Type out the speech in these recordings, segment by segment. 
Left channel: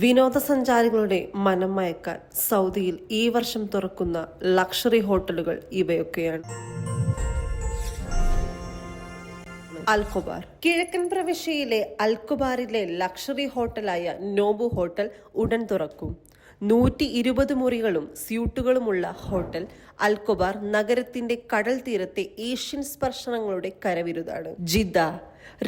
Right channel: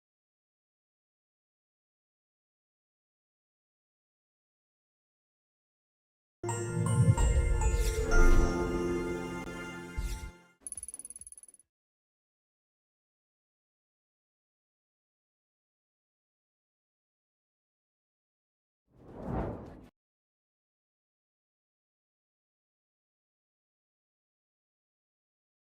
വിനോദസഞ്ചാരികളുടെ മനം മയക്കാൻ സൗദിയിൽ ഈ വർഷം തുറക്കുന്ന ലക്ഷറി ഹോട്ടലുകൾ ഇവയൊക്കെയാണ്. അൽഖുബാർ. കിഴക്കൻ പ്രവിശ്യയിലെ അൽഖുബാറിലെ ലക്ഷറി ഹോട്ടലായ നോബു ഹോട്ടൽ ഉടൻ തുറക്കും. 120 മുറികളും സ്യൂട്ടുകളുമുള്ള ഹോട്ടൽ അൽഖുബാർ നഗരത്തിന്റെ കടൽ തീരത്തെ ഏഷ്യൻ സ്പർശനങ്ങളുടെ കരവിരുതാണ്. ജിദ്ദ.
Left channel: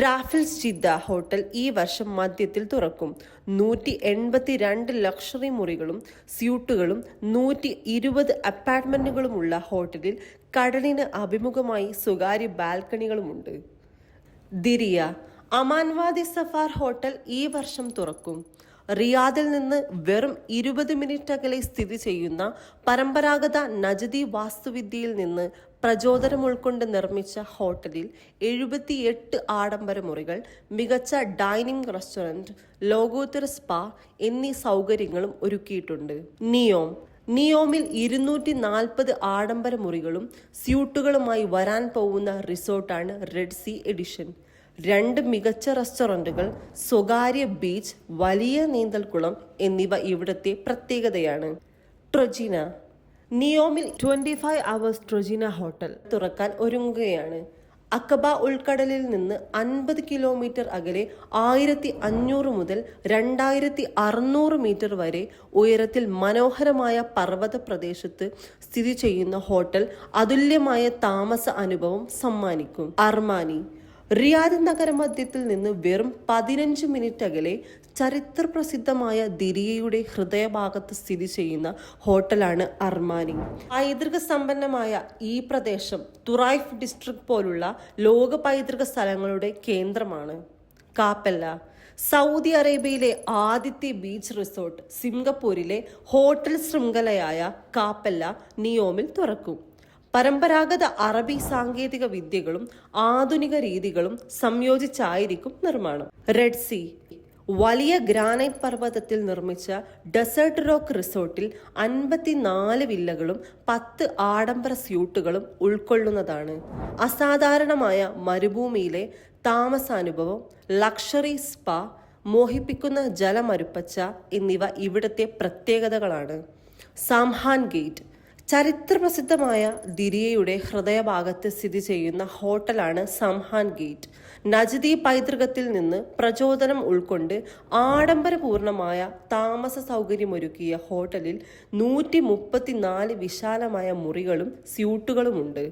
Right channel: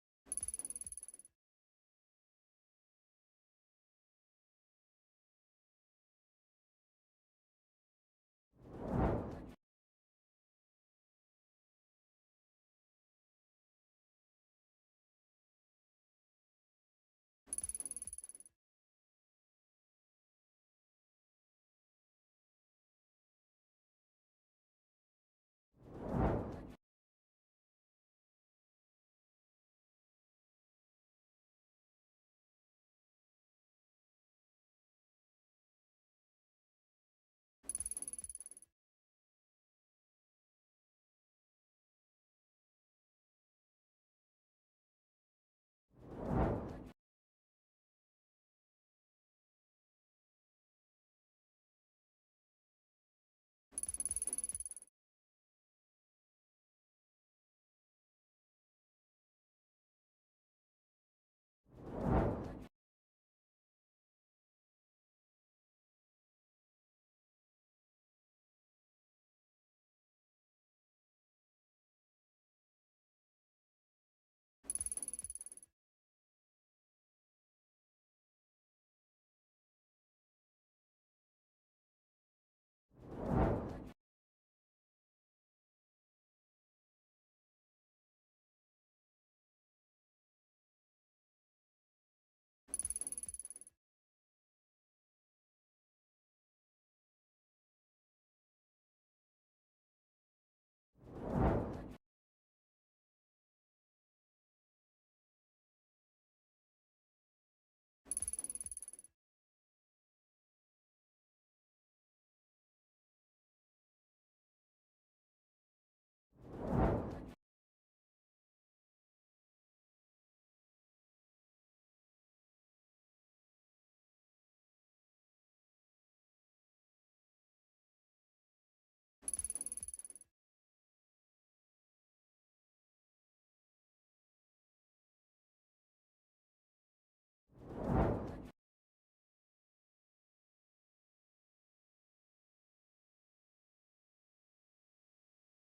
റാഫിൽസ് ജിദ്ദ ഹോട്ടൽ ഈ വർഷം മധ്യത്തിൽ തുറക്കും. 182 ലക്ഷറി മുറികളും സ്യൂട്ടുകളും 120 അപ്പാർട്ട്മെന്റുകളുമുള്ള ഹോട്ടലിൽ കടലിന് അഭിമുഖമായി സ്വകാര്യ ബാൽക്കണികളുമുണ്ട്. ദിരിയ. അമാൻവാദി സഫാർ ഹോട്ടൽ ഈ വർഷം തുറക്കും. റിയാദിൽ നിന്ന് വെറും 20 മിനിറ്റ് അകലെ സ്ഥിതി ചെയ്യുന്ന പരമ്പരാഗത നജദി വാസ്തുവിദ്യയിൽ നിന്ന് പ്രചോദനം ഉൾക്കൊണ്ട് നിർമ്മിച്ച ഹോട്ടലിൽ 78 ആഡംബര മുറികൾ, മികച്ച ഡൈനിങ് റെസ്റ്റോറന്റ്, ലോകോത്തര സ്പാ എന്നീ സൗകര്യങ്ങളും ഒരുക്കിയിട്ടുണ്ട്. നിയോമിൽ 240 ആഡംബര മുറികളും സ്യൂട്ടുകളുമായി വരാൻ പോകുന്ന റിസോർട്ടാണ് റെഡ് സീ എഡിഷൻ. 2 മികച്ച റെസ്റ്റോറന്റുകൾ, സ്വകാര്യ ബീച്ച്, വലിയ നീന്തൽക്കുളം എന്നിവ ഇവിടത്തെ പ്രത്യേകതയാണ്. ട്രൊജിന. നിയോമിൽ 25 അവേഴ്സ് ട്രൊജിന ഹോട്ടൽ തുറക്കാൻ ഒരുങ്ങുകയാണ്. അക്കബ ഉൾക്കടലിൽ നിന്ന് 50 കിലോമീറ്റർ അകലെ 1500 മുതൽ 2600 മീറ്റർ വരെ ഉയരത്തിൽ മനോഹരമായ പർവ്വത പ്രദേശത്ത് സ്ഥിതി ചെയ്യുന്ന ഹോട്ടൽ അതുല്യമായ താമസ അനുഭവം സമ്മാനിക്കും. അർമാനി. റിയാദ് നഗരമധ്യത്തിൽ നിന്ന് വെറും 15 മിനിറ്റ് അകലെ ചരിത്ര പ്രസിദ്ധമായ ദിരിയയുടെ ഹൃദയഭാഗത്ത് സ്ഥിതി ചെയ്യുന്ന ഹോട്ടലാണ് അർമാനി. പൈതൃക സമ്പന്നമായ ഈ പ്രദേശം തുറൈഫ് ഡിസ്ട്രിക്ട് പോലുള്ള ലോക പൈതൃക സ്ഥലങ്ങളുടെ കേന്ദ്രമാണ്. കാപ്പല്ല. സൗദി അറേബ്യയിലെ ആദ്യത്തെ ബീച്ച് റിസോർട്ട് സിംഗപ്പൂരിലെ ഹോട്ടൽ ശൃംഖലയായ കാപ്പല്ല നിയോമിൽ തുറക്കും. പരമ്പരാഗത അറബി സാങ്കേതിക വിദ്യകളും ആധുനിക രീതികളും സംയോജിച്ചായിരിക്കും നിർമ്മാണം. Red Sea. വലിയ ഗ്രാനൈറ്റ് പർവ്വതത്തിൽ നിർമ്മിച്ച ഡെസേർട്ട് റോക്ക് റിസോർട്ടിൽ 54 വില്ലകളും 10 ആഡംബര സ്യൂട്ടുകളും ഉൾക്കൊള്ളുന്നതാണ്. അസാധാരണമായ മരുഭൂമിയിലെ താമസാനുഭവം, ലക്ഷറി സ്പാ, മോഹിപ്പിക്കുന്ന ജലമരുപ്പച്ച എന്നിവ ഇവിടത്തെ പ്രത്യേകതകളാണ്. സാംഹാൻ ഗേറ്റ്. ചരിത്രപ്രസിദ്ധമായ ദിരിയയുടെ ഹൃദയഭാഗത്ത് സ്ഥിതി ചെയ്യുന്ന ഹോട്ടലാണ് സംഹാൻ ഗേറ്റ്. നജദി പൈതൃകത്തിൽ നിന്ന് പ്രചോദനം ഉൾക്കൊണ്ട് ആഡംബരപൂർണമായ താമസ സൗകര്യമൊരുക്കിയ ഹോട്ടലിൽ 134 വിശാലമായ മുറികളും സ്യൂട്ടുകളുമുണ്ട്.